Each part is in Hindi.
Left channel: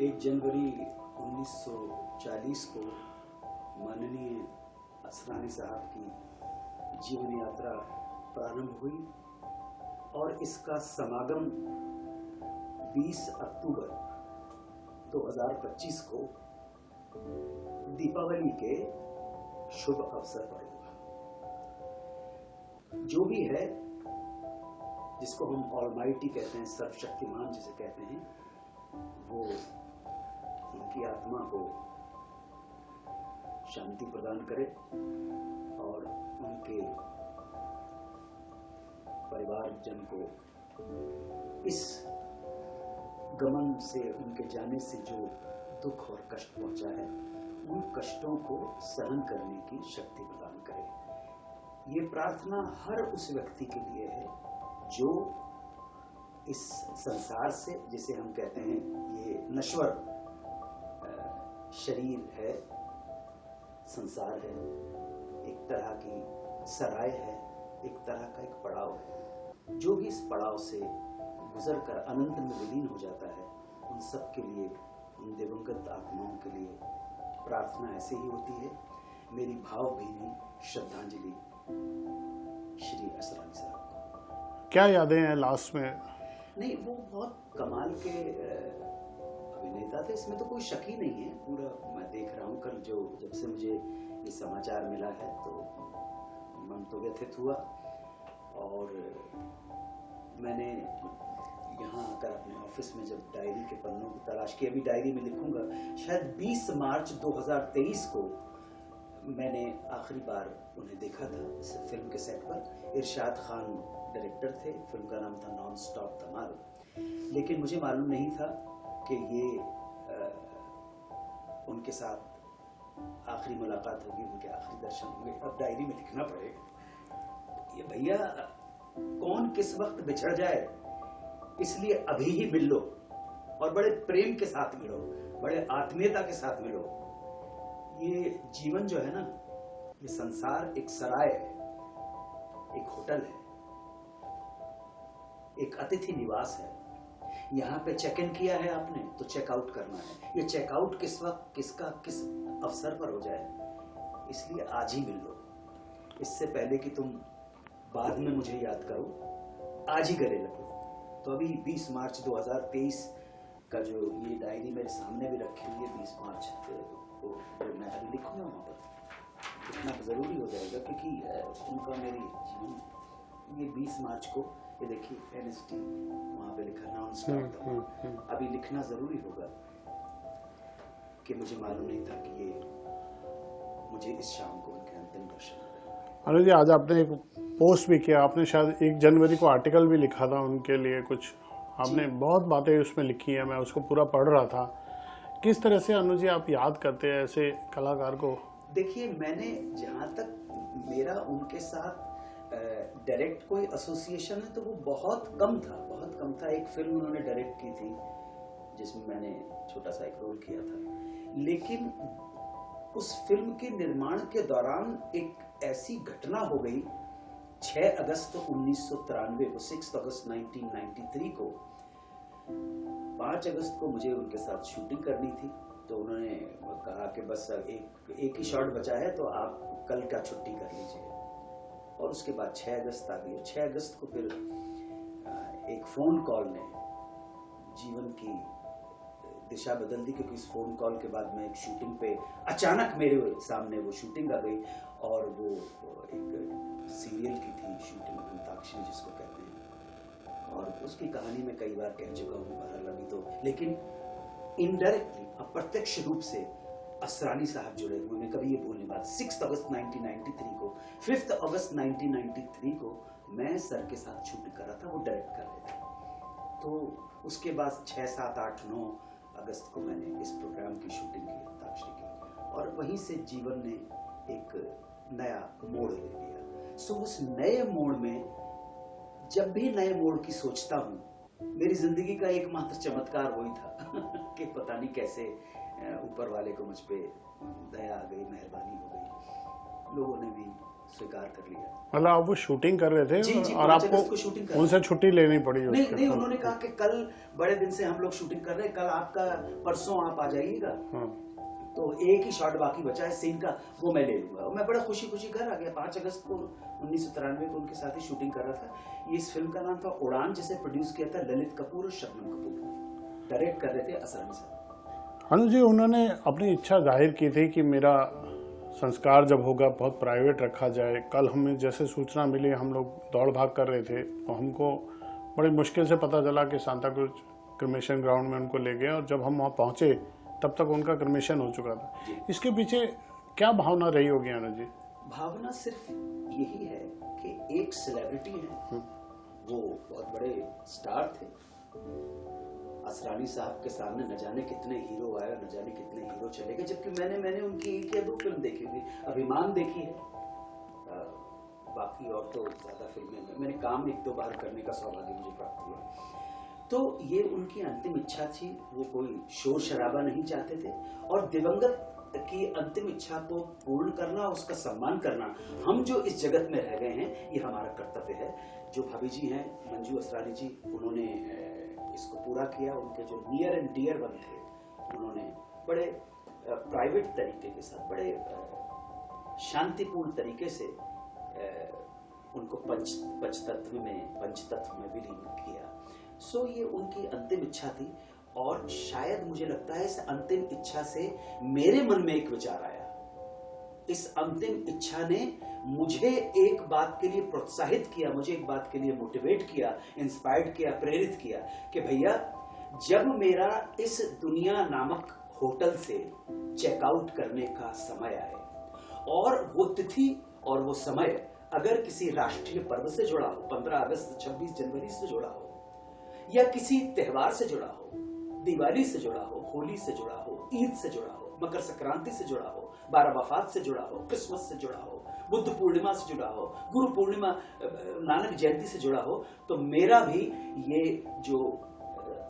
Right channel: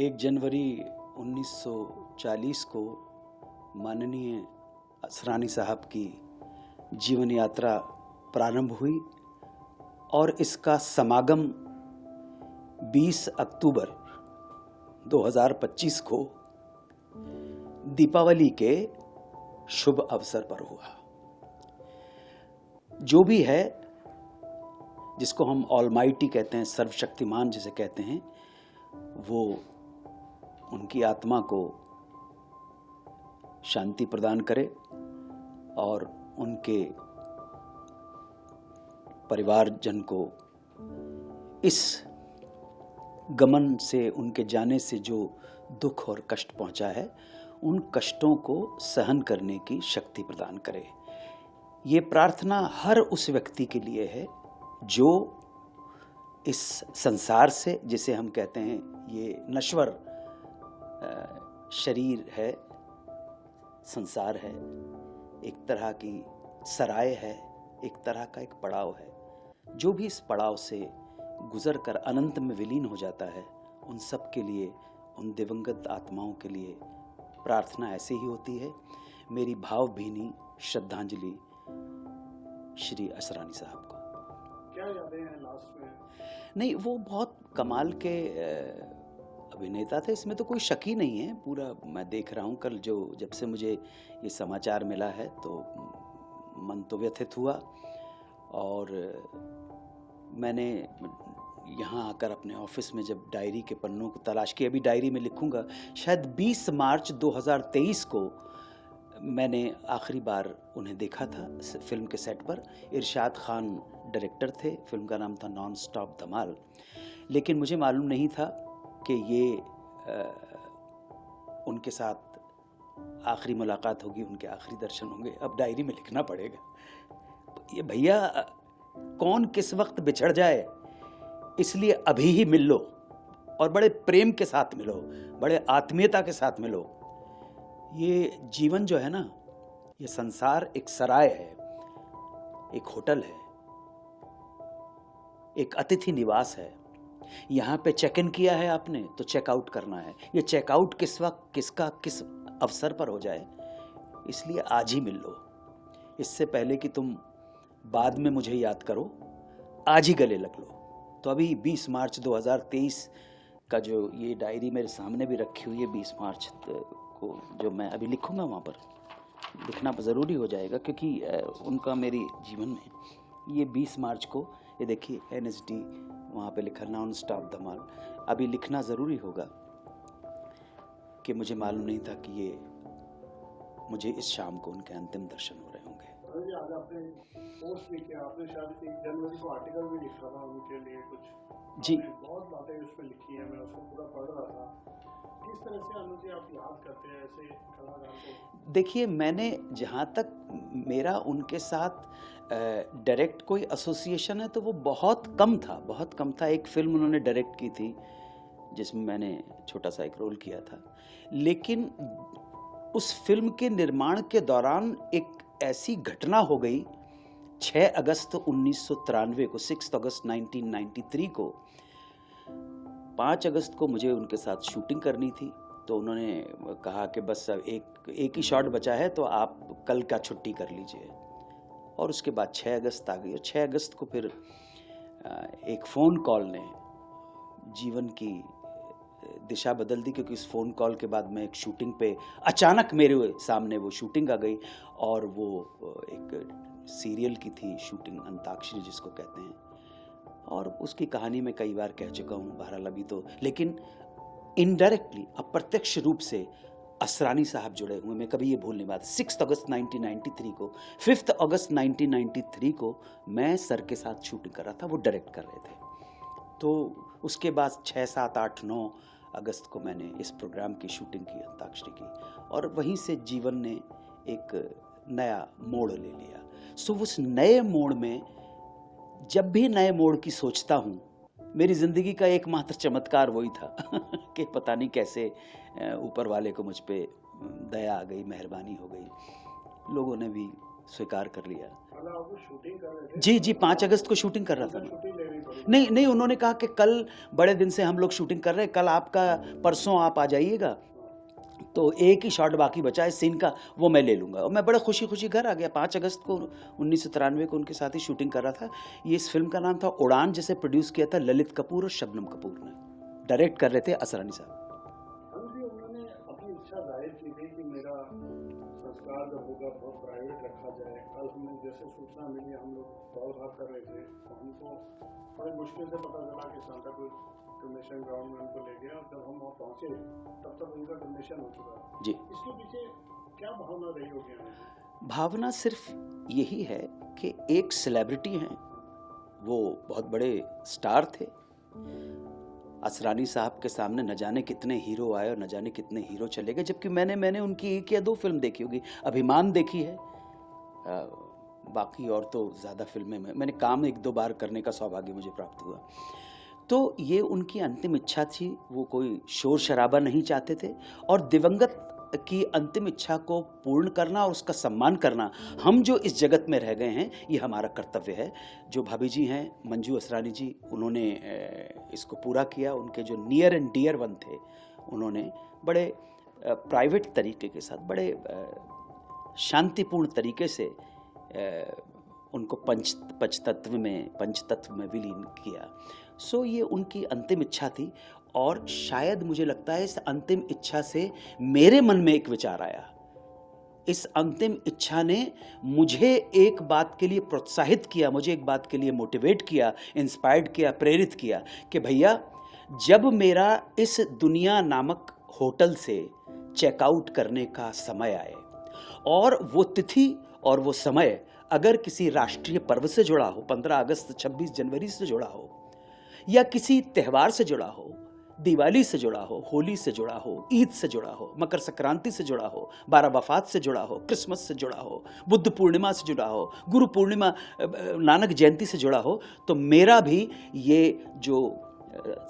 1 जनवरी 1940 को माननीय असरानी साहब की जीवन यात्रा प्रारंभ हुई और इसका समागम 20 अक्टूबर 2025 को दीपावली के शुभ अवसर पर हुआ। जो भी है, जिसको हम ऑलमाइटी कहते हैं, सर्वशक्तिमान जिसे कहते हैं, वो उनकी आत्मा को शांति प्रदान करे और उनके परिवारजन को इस गमन से, उनके जाने से जो दुख और कष्ट पहुंचा है, उन कष्टों को सहन करने की शक्ति प्रदान करे। ये प्रार्थना हर उस व्यक्ति के लिए है जो इस संसार से, जिसे हम कहते हैं ये नश्वर शरीर है, संसार है, एक तरह की सराय है, एक तरह का एक पड़ाव है। जो भी इस पड़ाव से गुजर कर अनंत में विलीन हो जाता है, उन सब के लिए, उन दिवंगत आत्माओं के लिए प्रार्थना ऐसे ही होती है। मेरी भावभीनी श्रद्धांजलि श्री असरानी साहब को। क्या यादें हैं लास्ट में? नहीं, वो बहुत कमाल के अभिनेता थे, इसमें तो कोई शक ही नहीं है। पूरा मैं देख रहा हूँ, कल जब से मुझे ये समाचार मिला है तो मन तो व्यथित हुआ। और मैंने यहाँ आकर अपने ऑफिस में जब डायरी के पन्नों को तलाश की, अभी डायरी में लिखूंगा, शायद 20 मार्च 2023 को मैंने आखिरी बार उन्हें देखा था फिल्म के सेट पर। इरशाद खान डायरेक्टर थे, फिल्म का नाम था नॉन स्टॉप धमाल। लेकिन मुझे मालूम नहीं था कि ये उनके साथ आखिरी मुलाकात होगी, उनके आखिरी दर्शन होंगे। अब डायरी में लिखना पड़ेगा। ये भैया, कौन किस वक्त बिछड़ जाए, इसलिए अभी ही मिल लो और बड़े प्रेम के साथ मिलो, बड़े आत्मीयता के साथ मिलो। ये जीवन जो है ना, ये संसार एक सराय है, एक होटल है, एक अतिथि निवास है। यहां पे चेक इन किया है आपने तो चेकआउट करना है। ये चेकआउट किस वक्त, किसका किस अवसर पर हो जाए, इसलिए आज ही मिल लो। इससे पहले कि तुम बाद में मुझे याद करो, आज ही गले लग लो। तो अभी 20 मार्च 2023 का जो ये डायरी मेरे सामने भी रखी हुई है, 20 मार्च को जो मैं अभी लिखूंगा, वहाँ पर लिखना ज़रूरी हो जाएगा, क्योंकि उनका मेरी जीवन में ये 20 मार्च को, ये देखिए NSD वहाँ पे लिखा, नॉन स्टॉप धमाल। अभी लिखना ज़रूरी होगा कि मुझे मालूम नहीं था कि ये मुझे इस शाम को उनके अंतिम दर्शन हो रहे होंगे। अनुज जी, आज आपने एक पोस्ट भी किया, आपने शायद 1 जनवरी को आर्टिकल भी लिखा था उनके लिए कुछ। आपने बहुत बातें उसमें लिखी हैं, मैं उसको पूरा पढ़ रहा था। किस तरह से अनुज जी आप याद करते हैं ऐसे कलाकार को? देखिए, मैंने जहाँ तक मेरा उनके साथ डायरेक्ट कोई एसोसिएशन है तो वो बहुत कम था। एक फिल्म उन्होंने डायरेक्ट की थी जिसमें मैंने छोटा सा एक रोल किया था। लेकिन उस फिल्म के निर्माण के दौरान एक ऐसी घटना हो गई, 6 अगस्त 1993 को, 6 अगस्त 1993 को, 5 अगस्त को मुझे उनके साथ शूटिंग करनी थी। तो उन्होंने कहा कि बस एक ही शॉट बचा है तो आप कल का छुट्टी कर लीजिए। और उसके बाद 6 अगस्त आ गई। और 6 अगस्त को फिर एक फ़ोन कॉल ने जीवन की दिशा बदल दी, क्योंकि इस फ़ोन कॉल के बाद मैं एक शूटिंग पे, अचानक मेरे सामने वो शूटिंग आ गई। और वो एक सीरियल की थी शूटिंग, अंताक्षरी जिसको कहते हैं। और उसकी कहानी मैं कई बार कह चुका हूँ, बहरहाल अभी तो, लेकिन इनडायरेक्टली, अप्रत्यक्ष रूप से असरानी साहब जुड़े हुए, मैं कभी ये भूल नहीं बात। 6 अगस्त 1993 को, 5 अगस्त 1993 को मैं सर के साथ शूटिंग कर रहा था, वो डायरेक्ट कर रहे थे। तो उसके बाद 6, 7, 8, 9 अगस्त को मैंने इस प्रोग्राम की शूटिंग की, अंताक्षरी की। और वहीं से जीवन ने एक नया मोड़ ले लिया। सो उस नए मोड़ में, जब भी नए मोड़ की सोचता हूँ, मेरी जिंदगी का एकमात्र चमत्कार वही था कि पता नहीं कैसे ऊपर वाले को मुझ पे दया आ गई, मेहरबानी हो गई। लोगों ने भी स्वीकार कर लिया। मतलब आप वो शूटिंग कर रहे थे? जी जी, और 5 आपको अगस्त को शूटिंग कर रहे उनसे थे। छुट्टी लेनी पड़ी नहीं उसके नहीं, साथ? उन्होंने कहा कि कल बड़े दिन से हम लोग शूटिंग कर रहे हैं, कल आपका, परसों आप आ जाइएगा, हाँ। तो एक ही शॉट बाकी बचा है सीन का, वो मैं ले लूंगा। और मैं बड़ा खुशी खुशी घर आ गया। 5 अगस्त को 1993 को उनके साथ ही शूटिंग कर रहा था। ये इस फिल्म का नाम था उड़ान, जिसे प्रोड्यूस किया था ललित कपूर और शबनम कपूर ने। डायरेक्ट कर रहे थे असरानी साहब। अनुज जी, उन्होंने अपनी इच्छा जाहिर की थी कि मेरा संस्कार जब होगा बहुत प्राइवेट रखा जाए। कल हमें जैसे सूचना मिली, हम लोग दौड़ भाग कर रहे थे, तो हमको बड़ी मुश्किल से पता चला कि सांता क्रूज क्रिमेशन ग्राउंड में उनको ले गए, और जब हम वहाँ पहुँचे तब तक उनका क्रिमेशन हो चुका था। जी। इसके पीछे क्या भावना रही होगी अनुज जी? भावना सिर्फ यही है कि एक सेलिब्रिटी हैं, वो बहुत बड़े स्टार थे। असरानी साहब के सामने न जाने कितने हीरो आए और न जाने कितने हीरो चले गए, जबकि मैंने उनकी 1 या 2 फिल्म देखी होगी। अभिमान देखी है, बाकी और तो ज़्यादा फिल्में में मैंने काम 1-2 बार करने का सौभाग्य मुझे प्राप्त हुआ। तो ये उनकी अंतिम इच्छा थी, वो कोई शोर शराबा नहीं चाहते थे, और दिवंगत की अंतिम इच्छा को पूर्ण करना और उसका सम्मान करना, हम जो इस जगत में रह गए हैं, ये हमारा कर्तव्य है। जो भाभी जी हैं मंजू असरानी जी, उन्होंने इसको पूरा किया। उनके जो नियर एंड डियर वन थे, उन्होंने बड़े प्राइवेट तरीके के साथ, बड़े शांतिपूर्ण तरीके से उनको पंचतत्व में विलीन किया। सो ये उनकी अंतिम इच्छा थी, और शायद मुझे लगता है इस अंतिम इच्छा से मेरे मन में एक विचार आया। इस अंतिम इच्छा ने मुझे एक बात के लिए प्रोत्साहित किया, मुझे एक बात के लिए मोटिवेट किया, इंस्पायर्ड किया, प्रेरित किया कि भैया, जब मेरा इस दुनिया नामक होटल से चेकआउट करने का समय आए, और वो तिथि और वो समय अगर किसी राष्ट्रीय पर्व से जुड़ा हो, 15 अगस्त 26 जनवरी से जुड़ा हो, या किसी त्यौहार से जुड़ा हो, दिवाली से जुड़ा हो, होली से जुड़ा हो, ईद से जुड़ा हो, मकर संक्रांति से जुड़ा हो, 12 वफात से जुड़ा हो, क्रिसमस से जुड़ा हो, बुद्ध पूर्णिमा से जुड़ा हो, गुरु पूर्णिमा, नानक जयंती से जुड़ा हो, तो मेरा भी ये जो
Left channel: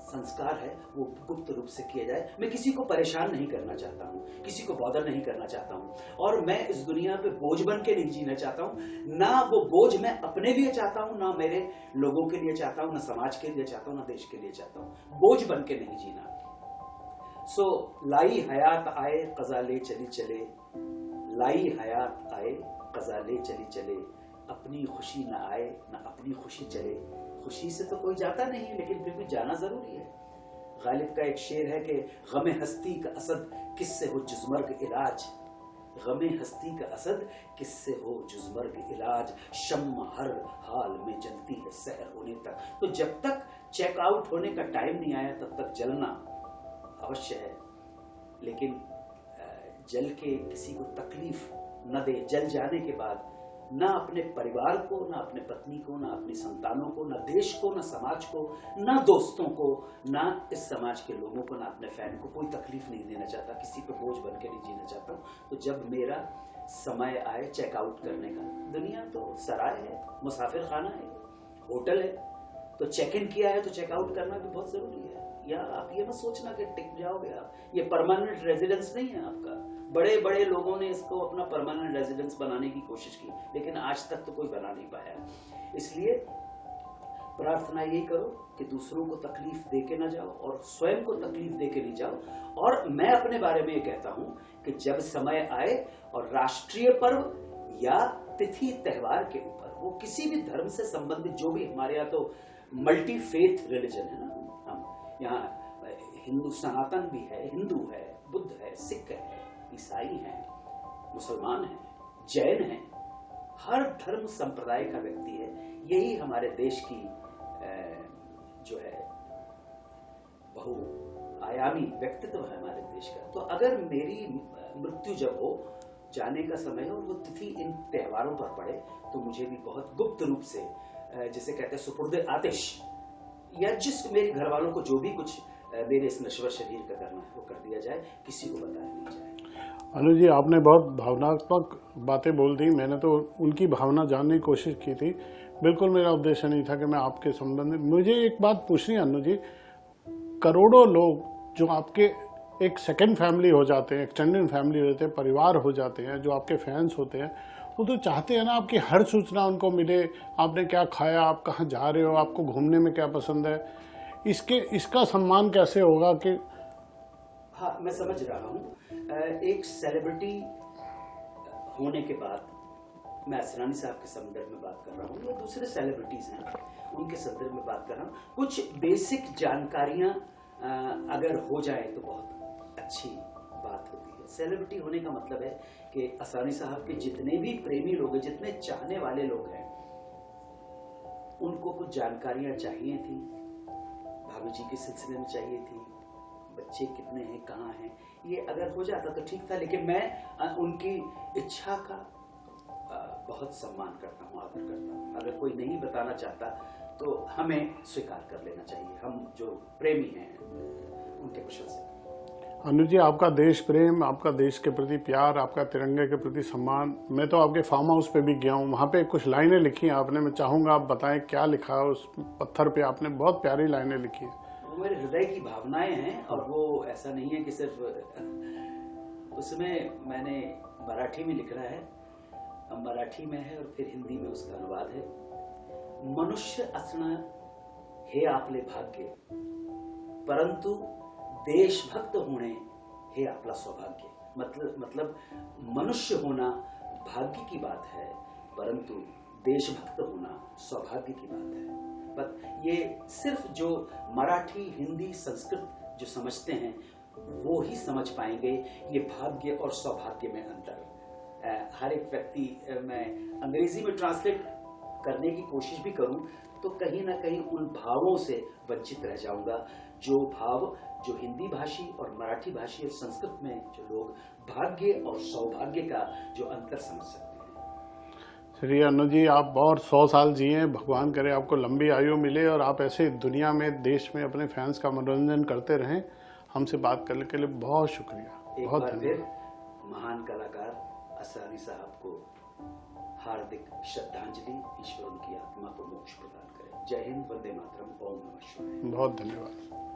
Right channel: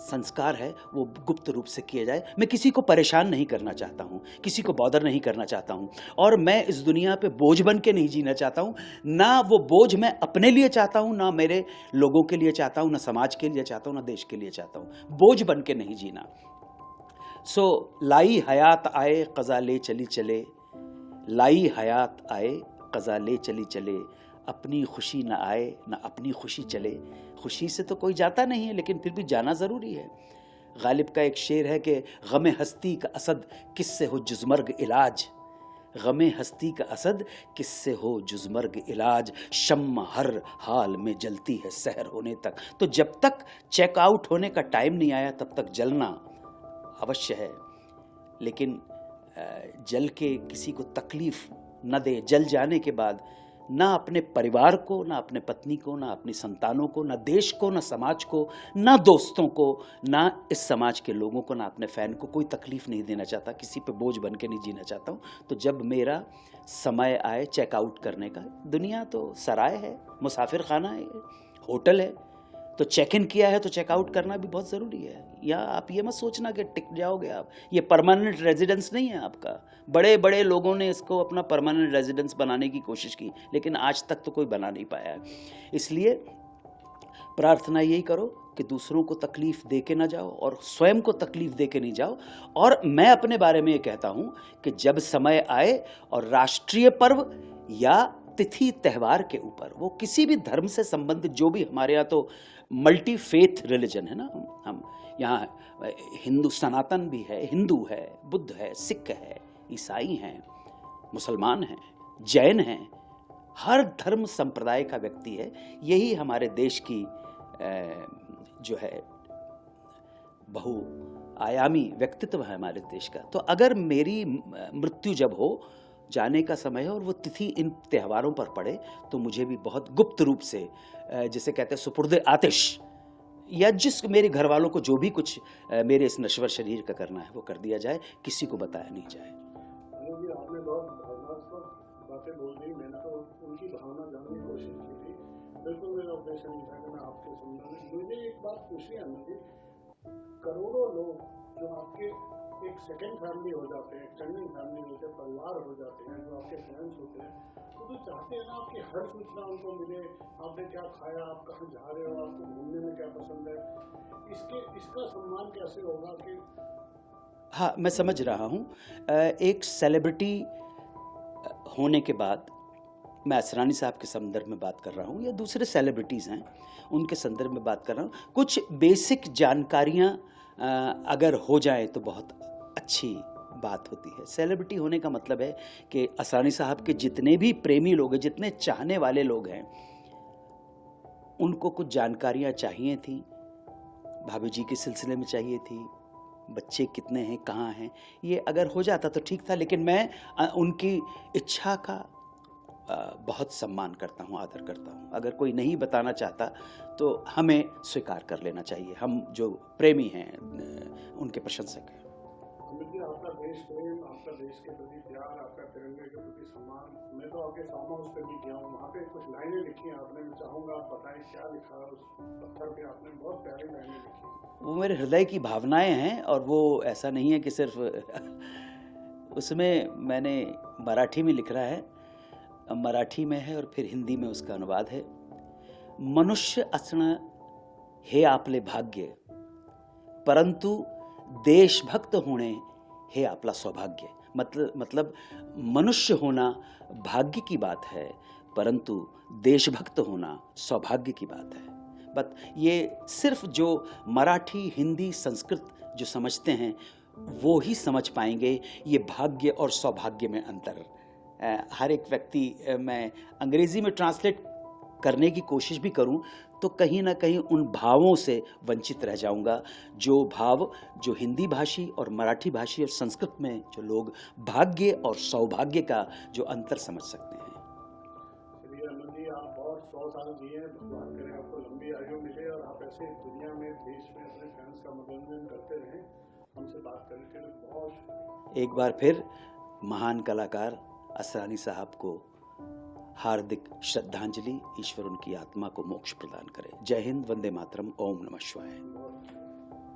संस्कार है वो गुप्त रूप से किया जाए। मैं किसी को परेशान नहीं करना चाहता हूँ, किसी को बॉदर नहीं करना चाहता हूँ, और मैं इस दुनिया पे बोझ बन के नहीं जीना चाहता हूँ। ना वो बोझ मैं अपने लिए चाहता हूँ, ना मेरे लोगों के लिए चाहता हूँ, ना समाज के लिए चाहता हूँ, ना देश के लिए चाहता हूँ। बोझ बन के नहीं जीना। सो लाई हयात आए क़ज़ा ले चली चले, लाई हयात आए क़ज़ा ले चली चले, अपनी खुशी ना आए ना अपनी खुशी चले। खुशी से तो कोई जाता नहीं है, लेकिन फिर भी जाना ज़रूरी है। गालिब का एक शेर है कि गमे हस्ती का असद किससे हो जुज़मर्ग इलाज, गमे हस्ती का असद किससे हो जुज़मर्ग इलाज, शम्मा हर हाल में जलती है सहर होने तक। तो जब तक चेकआउट होने का टाइम नहीं आया, तब तक जलना अवश्य है, लेकिन जल के किसी को तकलीफ न दे। जल जाने के बाद ना अपने परिवार को, ना अपने पत्नी को, ना अपनी संतानों को, ना देश को, ना समाज को, ना दोस्तों को, ना इस समाज के लोगों को, ना अपने फैन को कोई तकलीफ नहीं देना चाहता, किसी पे बोझ बन के नहीं जीना चाहता हूँ। तो जब मेरा समय आए चेकआउट करने का, दुनिया तो सराय है, मुसाफिर खाना है, होटल है, तो चेक इन किया है तो चेकआउट करना भी बहुत ज़रूरी है। या आप ये मत सोचना कि टिक जाओगे आप, ये परमानेंट रेजिडेंस नहीं है आपका। बड़े बड़े लोगों ने इसको अपना परमानेंट रेजिडेंस बनाने की कोशिश की, लेकिन आज तक तो कोई बना नहीं पाया है। इसलिए प्रार्थना यही करो कि दूसरों को तकलीफ दे के ना जाओ और स्वयं को तकलीफ दे के नहीं जाओ। और मैं अपने बारे में ये कहता हूँ कि जब समय आए और राष्ट्रीय पर्व या तिथि त्यौहार के ऊपर, वो किसी भी धर्म से संबंधित, जो भी हमारे यहाँ तो मल्टी फेथ रिलीजन है ना, हम यहाँ हिंदू सनातन भी है, हिंदू है, बुद्ध है, सिख है, ईसाई हैं, मुसलमान हैं, जैन हैं, हर धर्म संप्रदाय का व्यक्ति है। यही हमारे देश की जो है बहुआयामी व्यक्तित्व है हमारे देश का। तो अगर मेरी मृत्यु जब हो, जाने का समय है और वो तिथि इन त्योहारों पर पड़े, तो मुझे भी बहुत गुप्त रूप से, जिसे कहते हैं सुपुर्द आतिश, या जिस मेरे घर वालों को जो भी कुछ मेरे इस नश्वर शरीर का करना है वो कर दिया जाए, किसी को बताया नहीं जाए। अनुज जी, आपने बहुत भावनात्मक बातें बोल दी। मैंने तो उनकी भावना जानने की कोशिश की थी। बिल्कुल मेरा उद्देश्य नहीं था कि मैं आपके संबंध में। मुझे एक बात पूछनी है अनुज जी, करोड़ों लोग जो आपके एक सेकंड फैमिली हो जाते हैं, एक्सटेंडेड फैमिली हो जाते हैं, परिवार हो जाते हैं, जो आपके फैंस होते हैं, वो तो चाहते हैं ना आपकी हर सूचना उनको मिले, आपने क्या खाया, आप कहाँ जा रहे हो, आपको घूमने में क्या पसंद है। इसका सम्मान कैसे होगा कि हाँ, मैं समझ रहा हूँ। एक सेलिब्रिटी होने के बाद, मैं असरानी साहब के संदर्भ में बात कर रहा हूँ या दूसरे सेलिब्रिटीज़ हैं उनके संदर्भ में बात कर रहा हूँ, कुछ बेसिक जानकारियाँ अगर हो जाए तो बहुत अच्छी बात होती है। सेलिब्रिटी होने का मतलब है कि असरानी साहब के जितने भी प्रेमी लोग हैं, जितने चाहने वाले लोग हैं, उनको कुछ जानकारियाँ चाहिए थी, भाभी जी के सिलसिले में चाहिए थी, बच्चे कितने हैं, कहाँ हैं, ये अगर हो जाता तो ठीक था। लेकिन मैं उनकी इच्छा का बहुत सम्मान करता हूँ, आदर करता हूँ। अगर कोई नहीं बताना चाहता तो हमें स्वीकार कर लेना चाहिए, हम जो प्रेमी हैं, उनके प्रशंसक हैं। अनुज जी, आपका देश प्रेम, आपका देश के प्रति प्यार, आपका तिरंगे के प्रति सम्मान, मैं तो आपके फार्म हाउस पे भी गया हूँ, वहाँ पे कुछ लाइनें लिखी हैं आपने, मैं चाहूँगा आप बताएं क्या लिखा है उस पत्थर पे। आपने बहुत प्यारी लाइनें लिखी है। वो मेरे हृदय की भावनाएं हैं, और वो ऐसा नहीं है कि सिर्फ उसमें मैंने मराठी में लिख रहा है, मराठी में है और फिर हिंदी में उसका अनुवाद है। मनुष्य असणं हे आपले भाग्य, परंतु देशभक्त होणे हे आपला सौभाग्य। मतलब मनुष्य होना भाग्य की बात है, परंतु देशभक्त होना सौभाग्य की बात है। बट ये सिर्फ जो मराठी, हिंदी, संस्कृत जो समझते हैं वो ही समझ पाएंगे ये भाग्य और सौभाग्य में अंतर। हर एक व्यक्ति, मैं अंग्रेजी में ट्रांसलेट करने की कोशिश भी करूं तो कहीं ना कहीं उन भावों से वंचित रह जाऊंगा, जो भाव जो हिंदी भाषी और मराठी भाषी और संस्कृत में जो लोग भाग्य और सौभाग्य का जो अंतर समझ सकते हैं। चलिए अनुज जी, आप और 100 साल जिए, भगवान करे आपको लंबी आयु मिले और आप ऐसे दुनिया में, देश में अपने फैंस का मनोरंजन करते रहें। हमसे बात करने के लिए बहुत शुक्रिया। एक बार फिर महान कलाकार असरानी साहब को हार्दिक श्रद्धांजलि। ईश्वर उनकी आत्मा को मोक्ष प्रदान करे। जय हिंद, वंदे मातरम, ओम नमः शिवाय। बहुत धन्यवाद।